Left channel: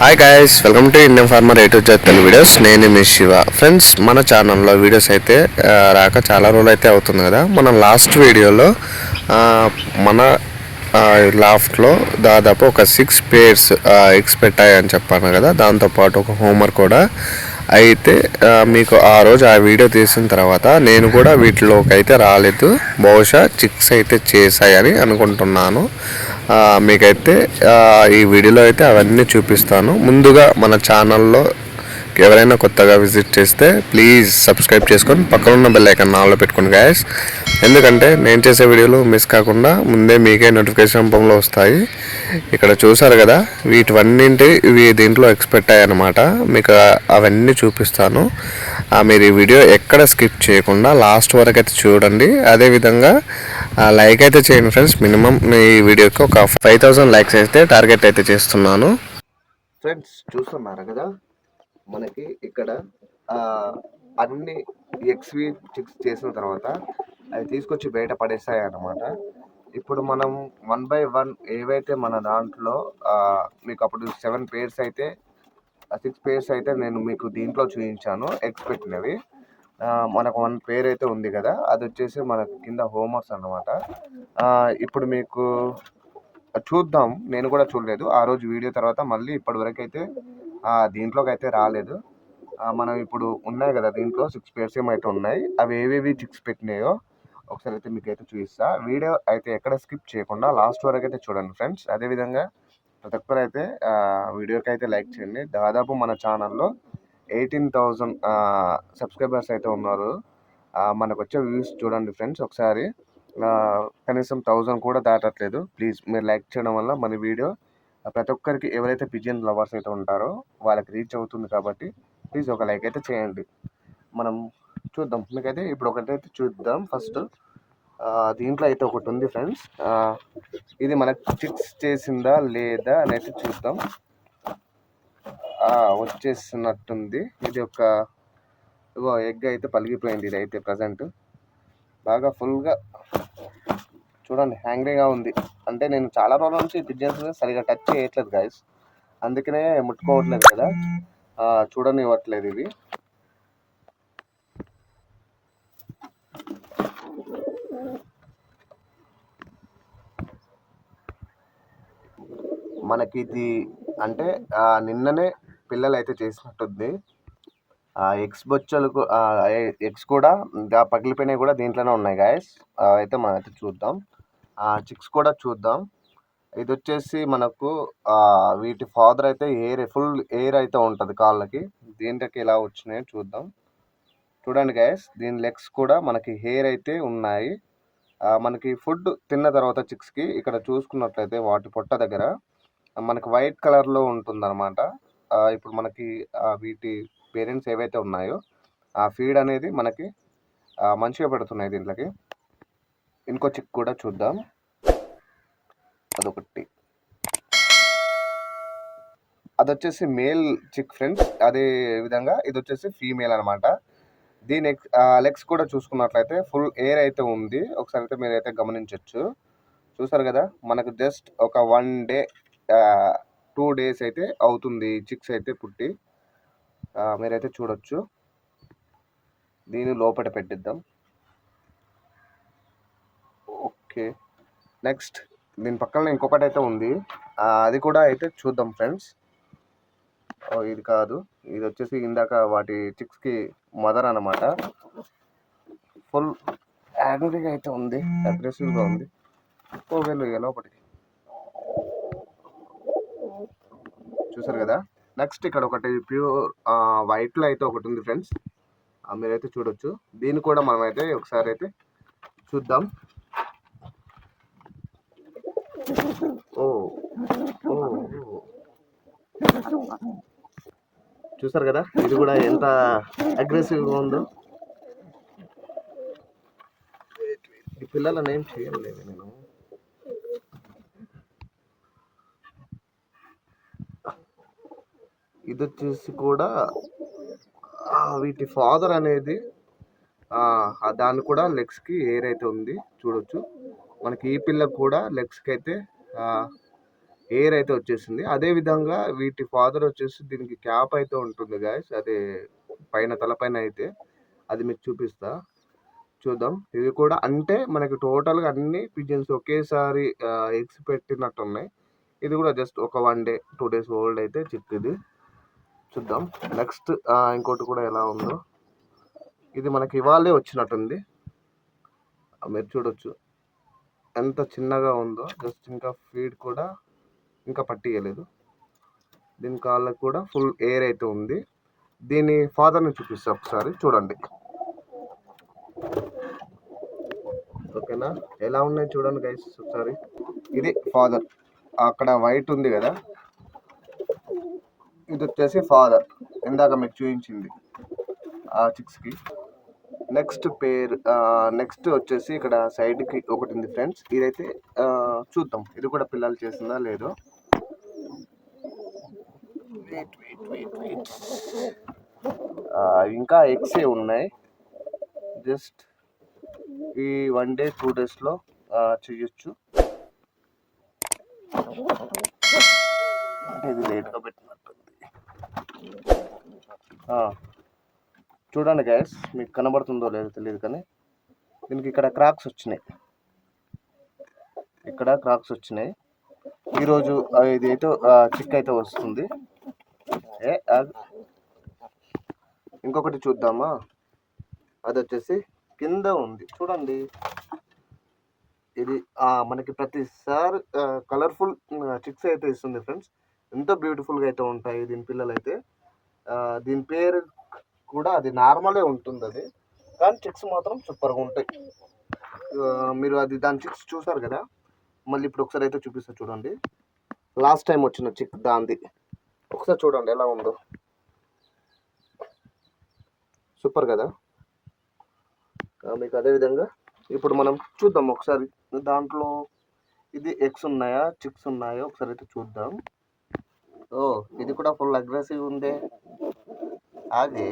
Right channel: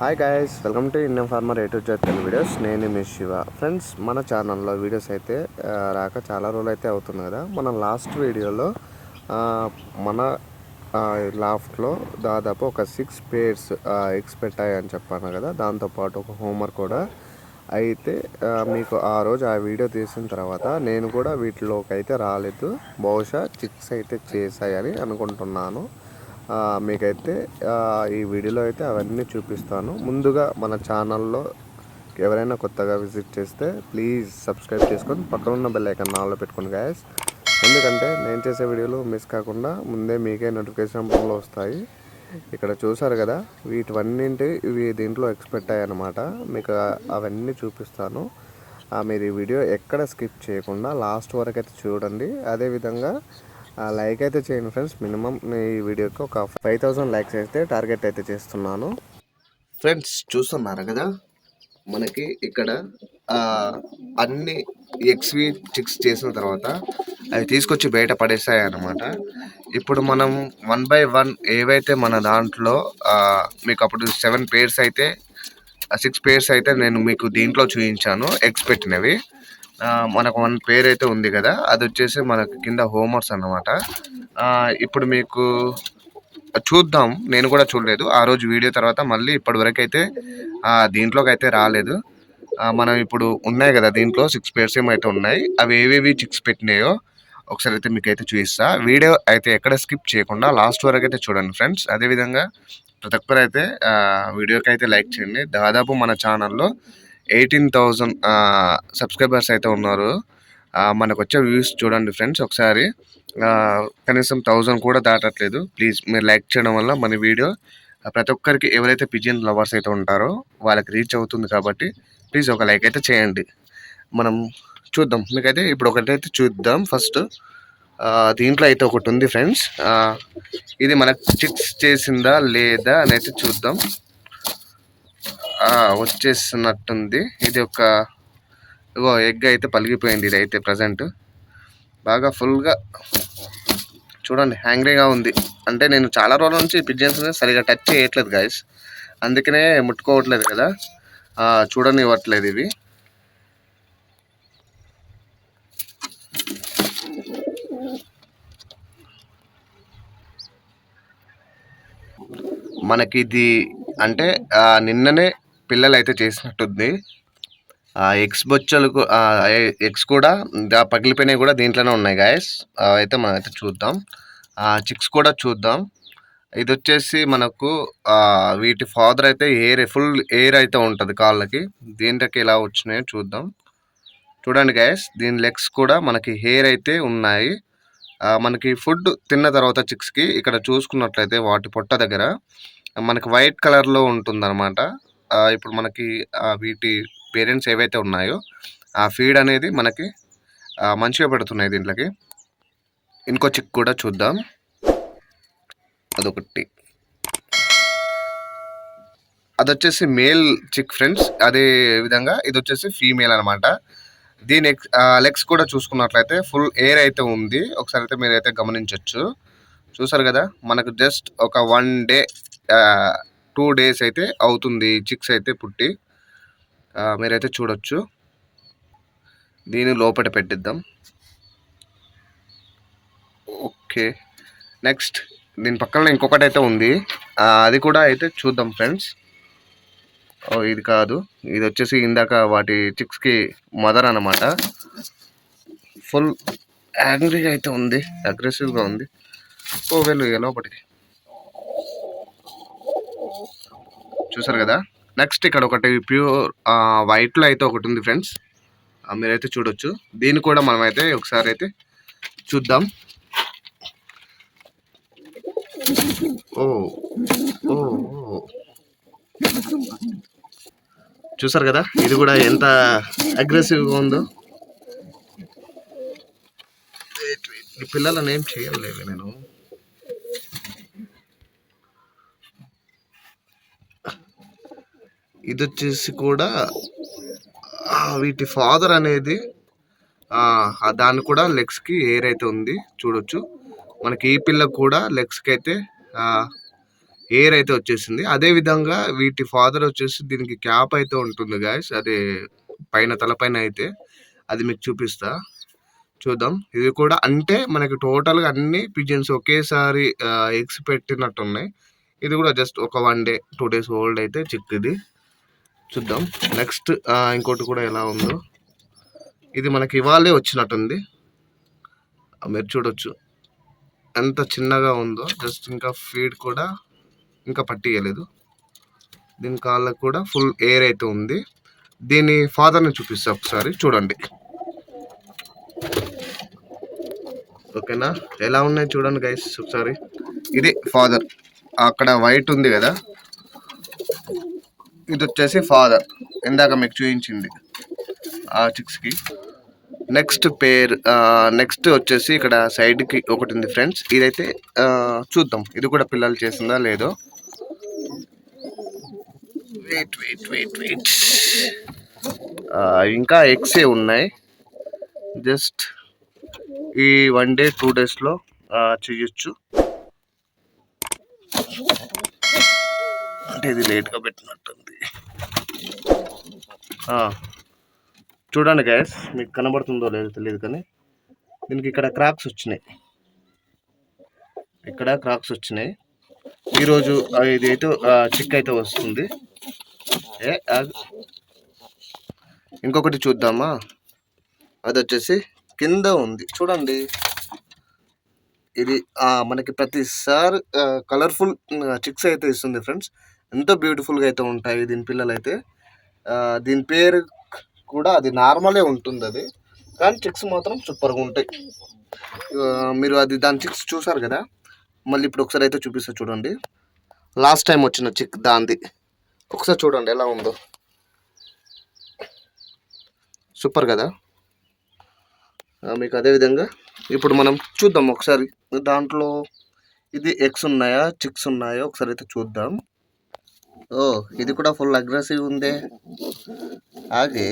Hi guys welcome to Indian farmer eight వచ్చే Telugu videos నేను మీ Shiva. Friends మన ఛానల్లో వీడియోస్ అయితే రాక చాలా రోజులు అయితే అవుతుంది కదా. మనం లాస్ట్ వీడియోలో మన లాఫ్ట్లో దాదాపు ఒక సిక్స్ పేర్స్ ఎగ్స్ పెట్టాయని చెప్పాను కదా. దాంతోపాటు ఒక హోంవర్క్ కూడా అయితే మీకు ఆ రోజు ఆ వీడియో తీసిన తర్వాత నేను కూడా వీటిలోకి అయితే రాలేదు. బహుశా చిక్స్ అయితే చేశాయని అనుకుంటున్నాను. మీకైతే ఈ వీడియోలో అయితే అవన్నీ చూపిస్తాను. ముందుగా మన ఛానల్లో ఎవరైనా కొత్తగా విజిట్ చేస్తే ప్లీజ్ సబ్స్క్రైబ్ చేసుకొని పక్కన ఉన్న బెల్ ఐకాన్ ఆన్లో పెట్టుకోండి గాయస్ ఎందుకంటే నేను చేసే వీడియోలు మిస్ కాకుండా ముందే మీకే నోటిఫికేషన్ రూపంలో వస్తాయి. ఇక్కడ చూసారు కదా వీటివన్నింటి ఇవి దీంట్లో ఎక్స్పెక్ట్ అయ్యాయన్నమాట. మీకు అవన్నీ చూపిస్తాను. ఆ, మీరు ఈ వీడియో ఎక్కడ స్కిప్ చేయకుండా లాస్ట్ వరకు అయితే చూడండి. అదేవిధంగా లైక్ అయితే చేయండి ఫ్రెండ్స్ మినిమం ఈ వీడియోకి ఒక ఫైవ్ థౌసండ్ లైక్స్ అయితే టార్గెట్ అయితే చేస్తున్నాను. ఫ్రెండ్స్ చూస్తున్నారు కదా? మనకి ఇక్కడ అన్ని ఎక్స్వి చిక్స్ చేసిన తర్వాత అవి తీసుకొచ్చి బయట పడేసాయి అన్నమాట ఇప్పుడు మనం వన్ బై వన్ ఏవైతే మన దాంట్లో మీకు అప్పుడు సెవెన్ పేర్స్ అయితే సిక్స్ పేర్స్ అయితే నేను మీకు దీంట్లో చూపించాను ఎగ్స్ పెట్టినవి. మనకు వన్ పేర్ అయితే ఉంది కదా అది వచ్చేసి మనకు కింద హోంవర్క్స్ అన్నమాట. ఇప్పుడు మీకు చూద్దాం నేను కూడా చూడలేదు. ఆ రోజు వీడియో తర్వాత మళ్ళీ ఇప్పటి వరకు అయితే దీంట్లోకి అయితే రాలేదు మనం ఇప్పుడు ఉన్నాయి కదా దీంట్లో సిక్స్ పేర్స్ ఏమైతే ఉన్నాయి. అవి ఏవేవి చిక్స్ పెట్టినాయో ఒకసారి అయితే మీకు అయితే చూపిస్తా. వీడియో అయితే ఎక్కడ స్కిప్ చేయకుండా లాస్ట్ వరకు అయితే చూడండి ఫ్రెండ్స్ అదేవిధంగా ప్రతి ఒక్కరు అయితే వీడియోకి అయితే లైక్ చేయండి. దాదాపు మన ఛానల్లో ఎయిటీన్ థౌజండ్ సబ్స్క్రైబర్స్ అయితే ఉన్నారు. మనకు వచ్చే వ్యూస్ చూడండి ఫ్రెండ్స్ ఒకసారి. కనీసం థౌజండ్ కూడా దాటట్లేదు. ప్లీజ్ మీరు లైక్ చేయడం వల్ల మన వీడియో ప్రతి ఒక్కరికి ఎవరైతే పిజియన్ లవర్స్ అయితే ఉంటారో వాళ్ళకి రీచ్ అవుతుంది కాబట్టి ప్లీజ్ ఒక లైక్ అయితే చేయండి. మనం చూద్దాం. మీకైతే ఇప్పుడు ఒకటైతే చూద్దాం. ఫస్ట్ దీంట్లో అయితే ఒకటి ఉంది ఫ్రెండ్స్. ఇది మనకు చిక్స్ చేసిందా లేదా అని అయితే చూద్దాం. వచ్చేసినట్టుంది. ఇది ఒక ఇగో ఎగ్ అయితే పలిగిపోయింది ఇది అయితే ప్రజెంట్. బాగా ఫుల్గా చూడండి హ్యాంగ్రీగా ఉంది. అంటే నేను చాలా రోజుల నుంచి పిజియన్స్ సరిగా టచ్ చేయట్లేదు గాయస్ అందుకనే ముట్టుకోవట్లేదు కదా. చూడనివ్వట్లేదు ఇవి మనకి ఇది అంటే నిన్ననే పిల్లలు అయితే చేసినట్టుంది. ఆ ఎగ్స్ బొచ్చలకు ఎగ్స్ కూడా పగిలిపోయినవి కూడా దీంట్లోనే ఉన్నాయి గాయస్. అయితే మనం అయితే చూద్దాం. ఆ చిక్స్ కూడా చూద్దాం. ఇది వచ్చేసి మనకు వీటి ఫాదర్ అయితే ఎయిర్ ఫుల్ ఎయిర్ అయితే ఉంటుంది కాళ్ళకి. దీంట్లోకి ఎలా వచ్చినాయో చూద్దాం. చూడండి గాయస్ దీని లెగ్స్ కూడా మనకి హెయిర్ అయితే ఉన్నాయి. మనకి ఫుడ్ తిన్న తర్వాత చిక్స్కి ఇక్కడ చూసుకున్నట్లయితే వాటి పొట్ట దగ్గర మనకి వైట్ కలర్లో ఉంటుందన్నమాట. ఇప్పుడు మనకి వీటి పేరెంట్స్ ఏవైతే ఉన్నాయో ఆ ఫీడ్ అనేది మనకి మంచిగా పెడుతున్నాయి దీంట్లోకి. ఇంకో చిక్ కూడా చూద్దాం. అదొకటి. అది వచ్చేసి మేల్ చిక్ ఫ్రెండ్స్. అదే విధంగా ఇది వచ్చేసి ఫీమేల్ అనమాట దీని లెగ్స్ కూడా చూసుకున్నట్లయితే ఫుల్ ఎయిర్ అయితే ఉంది. ఒకసారి అయితే మీరైతే గమనించవచ్చు చూసారు కదా? మనకు జస్ట్ ఒక వన్ డే టూ డేస్ అయితే అవుతుంది చిక్స్ అయితే పుట్టి. మీరైతే చూడొచ్చు. దీని లోపల పెట్టిద్దాం. ఓకే. నెక్స్ట్ దీని పక్కన ఇంకొకటి అయితే ఉంది అది కూడా అయితే చూద్దాం ఫ్రెండ్స్. ఓ ఇది కాదు. ఇది వచ్చేసి ఇందాక వాటి చిక్స్కి మదర్ అన్నమాట. ఫుల్ యాంగ్రీగా అయితే ఉంది. అగ్రెసివ్గా ఉంది. ఓ వెళ్ళు ఇక లోపలికి చూసారు కదా? నెక్స్ట్ ఇక్కడ ఒకటి ప్యూర్ వైట్లో అయితే ఒకటి ఉంది ఫ్రెండ్స్ మీరైతే చూడొచ్చు. దీన్ని కూడా మనం అయితే ఒకసారి అయితే చూద్దాం. ఓ ఓ చూసారు కదా? ఇది కూడా ఎంత అగ్రెసివ్గా ఉందో. పిల్లలను ఏం చేయలేదు నేను. ఇది వచ్చేసి కూడా వీటి ఫాదర్ అనేది దాన్ని కూడా లెగ్స్కి ఎయిర్ అయితే ఉంది చూడొచ్చు. మనకి ఈ పిల్ల కూడా లెగ్స్కి అయితే ఎయిర్ అయితే వచ్చేసింది. అదే విధంగా వీటి ఫాదర్ వచ్చేసి దీనికి క్యాప్ అయితే ఉంటుంది గాయస్ అదే పైన తలపైన అయితే. అది మీకు చూపిస్తా. చూద్దాం. ఇది కూడా అంటే మనకి టోటల్గా అన్ని పిజన్స్ ఒకేసారి ఎగ్స్ పెట్టినట్టున్నాయి. ఇది కూడా జస్ట్ ఒక one day two days old అయితే చిక్ ఇది చూద్దాం. నెక్స్ట్ ఇంకోటి కూడా ఎలా ఉందో. ఇది మనకి ఇవాళే వచ్చినట్టుంది. మీరు చూడొచ్చు. ఎంత చిన్నగా ఉందో జస్ట్ ఇంకా ఫీడ్ కూడా ఇంకా పట్టియలేదు. దీని కాళ్ళకు కూడా ఫుల్ ఎయిర్ అయితే ఉంది. దీని ఫాదర్ని చూపిస్తా ఒకసారి చూడండి. ఓకేనా? ఎలా ఉన్నాయి చూడండి గైస్ ఒకసారి. ఇది ఫాదర్ అక్కడ వైట్ ఉంది కదా. ఇది వచ్చేసి ఫాదర్ ఇందాక మీకు చూపించింది ఆ చిక్స్కి నెక్స్ట్ పేర్ నెక్స్ట్ వచ్చేసి ఇక్కడ సైడ్కి ఒకటి ఉంది ఫ్రెండ్స్ ఇదైతే చూద్దాం. ఇది కూడా పిల్లలు చేసిందా లేదో. వెయిట్ వెయిట్ వెయిట్ వెయిట్ ఇంకా ఎగ్సే ఉన్నాయి. జస్ట్ ఈ వన్ డే టూ డేస్లో చేయొచ్చు. అంటే ఇది లేట్గా పెట్టినట్టుంది. చూడండి గ్యాస్ మీకు కనబడుతుందో లేదో తెలియదు కానీ దీనికి ఇక్కడ క్రాక్స్ వచ్చినాయి. ఇక్కడ క్రాక్స్ వచ్చినాయి. ఈరోజు ఇది అయితే చిక్ అయితే వస్తుంది. ఏ ఇంకొకటి చూద్దామా? అది వచ్చేసి కింద ఉంది. చూడండి. ఇది మనకి ప్రతిసారి కలర్ఫుల్ చిక్స్ అయితే ఇస్తుంది ఫ్రెండ్స్ ఎంతో బ్యూటిఫుల్గా అయితే ఉంటాయి దీని పిల్లలు అయితే దీని పేరు కూడా అది నార్మలే ఉంటుంది అది. కానీ చిక్స్ మాత్రం సూపర్గా ఉంటాయి. మీరు అది దాని చిక్స్ చూసారు కదా? మళ్ళీ ఇప్పుడు ఒకసారి అయితే చూపిస్తా చూడండి. లాస్ట్ టైం వచ్చిన చిక్ దాంది. ఒకసారి చూడండి ఎలా ఉందో. సూపర్ కదా? మీకు అదే విధంగా ఇప్పుడు మనం చూద్దాం ఒకసారి. దాంట్లో ఇది ఎగ్స్ ఉన్నాయా? చిక్స్ ఉన్నాయా? ఒకసారి అయితే చూద్దాం. ఓ ఇది కూడా ఫుల్ అగ్రెసివ్ ఉంది. ఆగే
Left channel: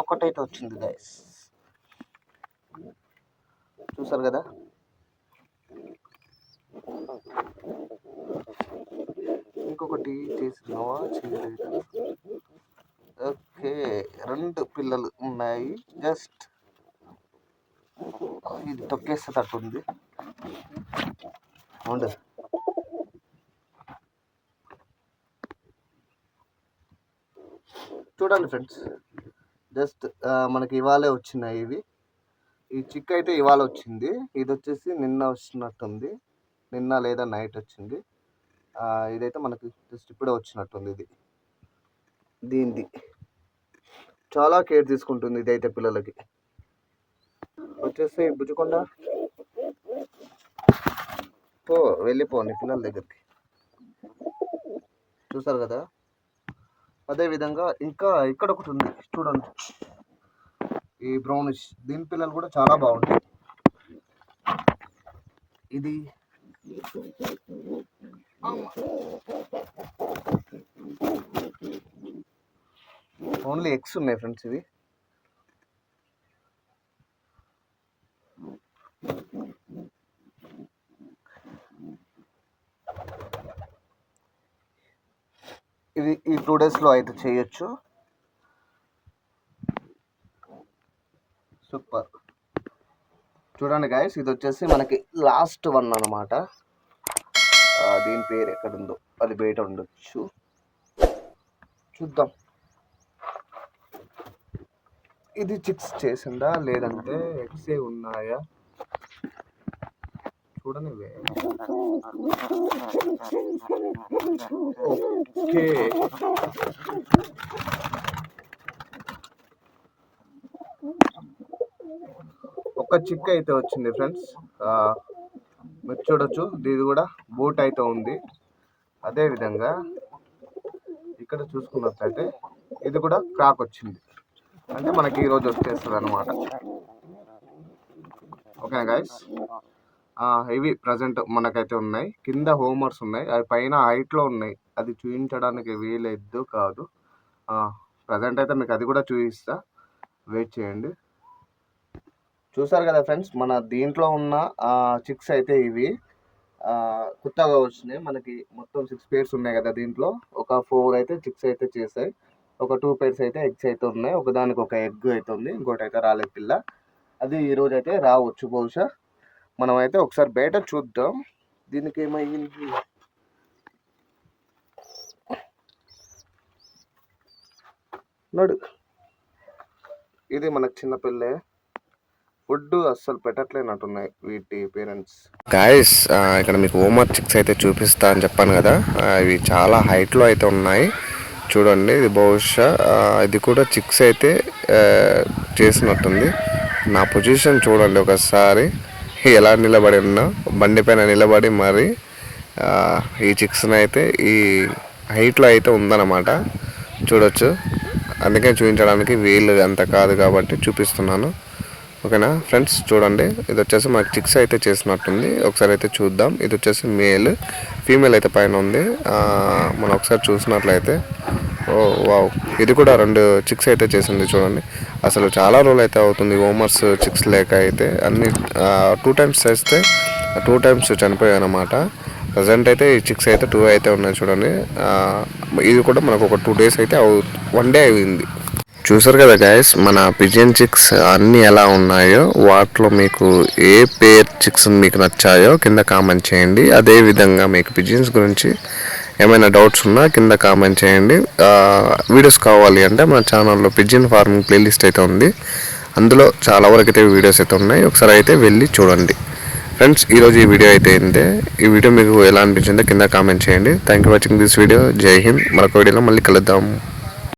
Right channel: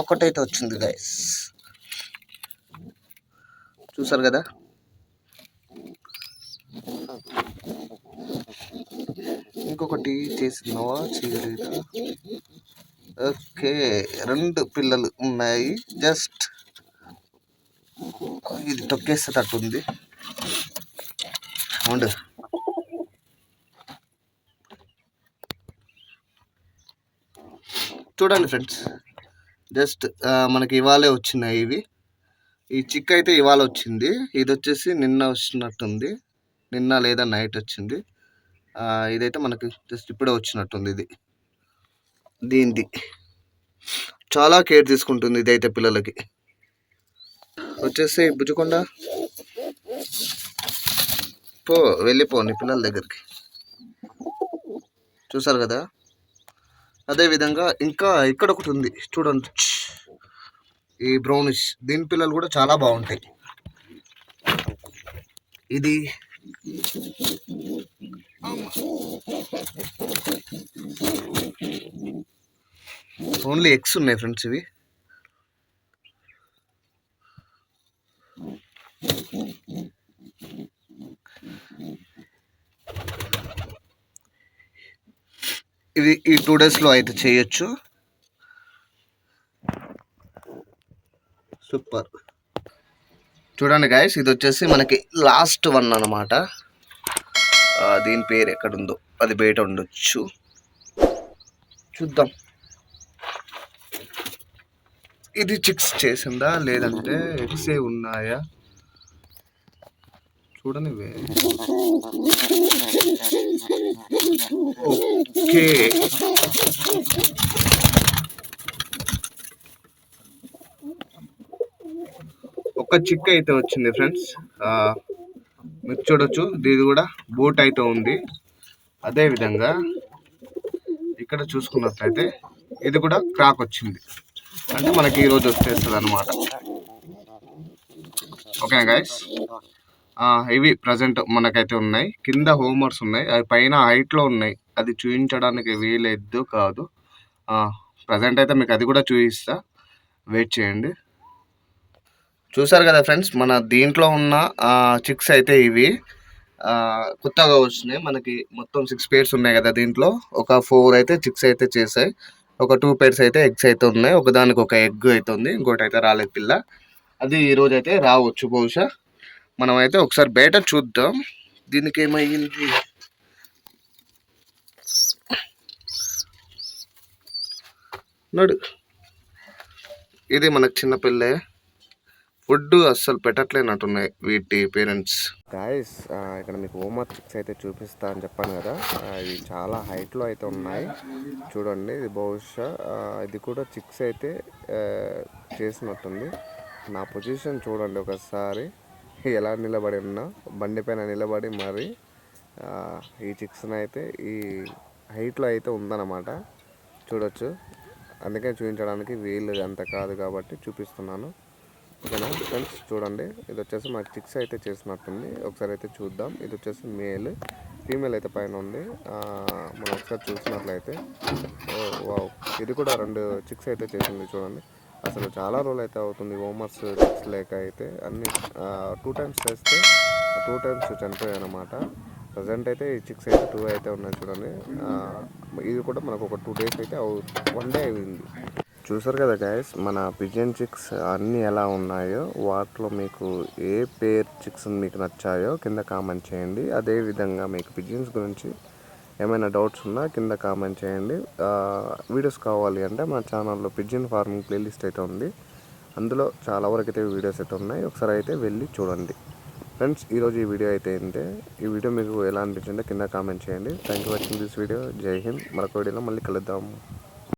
ఒక్కటైతే వచ్చింది గైస్ చూసారు కదా? ఇంకొకటి చేసినావా చేయలేదు? ఓకే రెండు పిల్లలు ఉన్నాయి. జస్ట్ ఇది తొక్కేస్తే ఉంది అవును. చూడండి ఫ్రెండ్స్. జస్ట్ మనకి ఇవాళే వచ్చినాయి ఇవి. ఈ చిక్ అయితే ఇవాళ వచ్చింది. ఇది వచ్చేసి నిన్న వచ్చినట్టుంది. నిన్న లేదా నైట్ వచ్చింది. ఇదైతే మనకి జస్ట్ ఇప్పుడే వచ్చినట్టుంది ఇది. దీనిది. చాలా కేర్ తీసుకుంటుంది ఇదైతే పిల్లలకి. వచ్చేసి బుజ్జకొండ. పో వెళ్ళిపోండి పిల్లల దగ్గరికి. చూసారు కదా? అదే విధంగా ఇంకా ఇక్కడ ఒకటి ఉంది. చూడండి. ఈ బ్రౌనిష్ దీని పిల్లలు కూడా చాలా బాగుంటాయి. ఇది ఓన్లీ ఎగ్స్ ఉన్నాయి ఫ్రెండ్స్ ఇవి. ఇది ఈ టూ డేస్లో అయితే చేయొచ్చు. సూపర్ చూడండి గాయస్ ఇది వచ్చేసి మనకి లాస్ట్ వన్ అనమాట దీని పేరు ఎక్కడుందో అది బయట ఉండొచ్చు. చూద్దాం. ఇది చిక్స్ చేసిందా లేదంటే ఎగ్సే ఉన్నాయా? చూడండి ఓకే. ఒక చిక్ అయితే వచ్చింది ఫ్రెండ్స్. మీరు చూడొచ్చు. ఇది కూడా బోట్ అయితే ఉంది. అదే విధంగా ఇక్కడ చూసుకున్నట్లయితే ఇది కూడా క్రాక్ వచ్చింది. అంటే మనకి ఈరోజు వచ్చేస్తుంది అనమాట ఓకే గాయస్ ఇవి ప్రజెంట్ మనకైతే ఉన్నాయి. కింద హోంవర్క్స్ ఉన్నాయి. అవి పైన హైట్లో ఉన్నాయి. అది చూపించడానికి వీలేదు కాదు. ప్రజెంట్ అయితే మీకు అది కూడా చూపిస్తా వెయిట్ చేయండి. చూసారు కదా ఫ్రెండ్స్ మన దీంట్లో ఉన్న చిక్స్ అయితే ఇవి. కొత్తగా వచ్చినాయి. మనకి మొత్తం సిక్స్ పేర్స్ ఉన్నాయి కదా దీంట్లో. ఒక ఫోర్ అయితే చిక్స్ అయితే చేసాయి ఒక టూ పేర్స్ అయితే ఎగ్స్ అయితే ఉన్నాయి. ఒకదానికి ఒక ఎగ్ అయితే ఉంది. ఇంకోటి అయితే రాలేదు పిల్ల. అది ఈరోజు అయితే రావచ్చు బహుశా. మనం అయితే ఒకసారి బయట చూద్దాం. దీనికి ఏమైంది? నడు. ఇది మనకు చిన్న పిల్లే. ఫుడ్ అస్సలు పెట్టట్లేనట్టున్నాయి వీటి పేరెంట్స్. గాయస్ ఇక్కడ మీకు హోంవర్క్ చిక్స్ అయితే చూపిస్తా అని చెప్పాను కదా. ఇవి చాలా హైట్లో అయితే ఉన్నాయి. చూడండి ఇది బహుశా ఇది కూడా చిక్స్ అయితే చేసినట్టుంది. నా పొజిషన్ చూడండి ఒకసారి. ఎలా నిలబడి ఉన్నా బండి పైన నిలబడి మరి ఈ చిక్స్ని అయితే ఈ హైట్లో అయితే ఉందన్నమాట. చూడొచ్చు. అందుకే చూపించడానికి వీలు అంత కాదు కాబట్టి చూపిస్తున్నాను. ఓకేనా? ఫ్రెండ్స్ చూడండి. ఇది వచ్చేసి మనకి చిక్స్ అయితే చేసినట్టుంది. ఒకసారి అయితే చూద్దాం. ఇది వచ్చేసి మేల్. ఫీమేల్ అయితే పైన ఉంది. మనం ఒకసారి చూసినట్లయితే. Oh wow. ఇది కూడా రెండు చిక్స్ అయితే చేసింది చూడండి. అసలు చాలా రోజులు అయితే అవుతుంది హోమర్స్ చిక్స్ లేక అయితే. అన్ని టూ టైమ్స్ చేస్తే టూ టైమ్స్ చనిపోయాయి అన్నమాట. ప్రజెంట్ అయితే ఈ చిక్స్ అయితే టూ అయితే ఉన్నాయి చూడండి. ఇది కూడా మనకు ఒక టూ డేస్ అయితే వన్ డే అయింది. చూసారు కదా గాయస్ మన పిజియన్ చిక్స్ అన్నీ ఎలా ఉన్నాయో వాటిలో మీకు ఏ పేర్ చిక్స్ మీకు నచ్చాయో కింద కామెంట్ చేయండి. అదే విధంగా మీకు పిజియన్స్ గురించి ఏమైనా డౌట్స్ ఉన్నా కింద కామెంట్ చేయండి. వీడియోస్ కావాలి అంటే మన ఛానల్లో పిజియన్ ఫార్మింగ్ ప్లేలిస్ట్ అయితే ఉంది. అందులో చాలా వరకు అయితే వీడియోస్ అయితే ఉన్నాయి. ఒకసారి అయితే వెళ్ళి చూడండి. ఫ్రెండ్స్ ఈరోజు ఈ వీడియో అయితే అయిందే ఈ వీడియో మీకు ఎలా అనిపించిందో కింద కామెంట్ చేయండి. Thank you watching this video Jai Hind. మరొక వీడియోలో మళ్ళీ కలుద్దాం.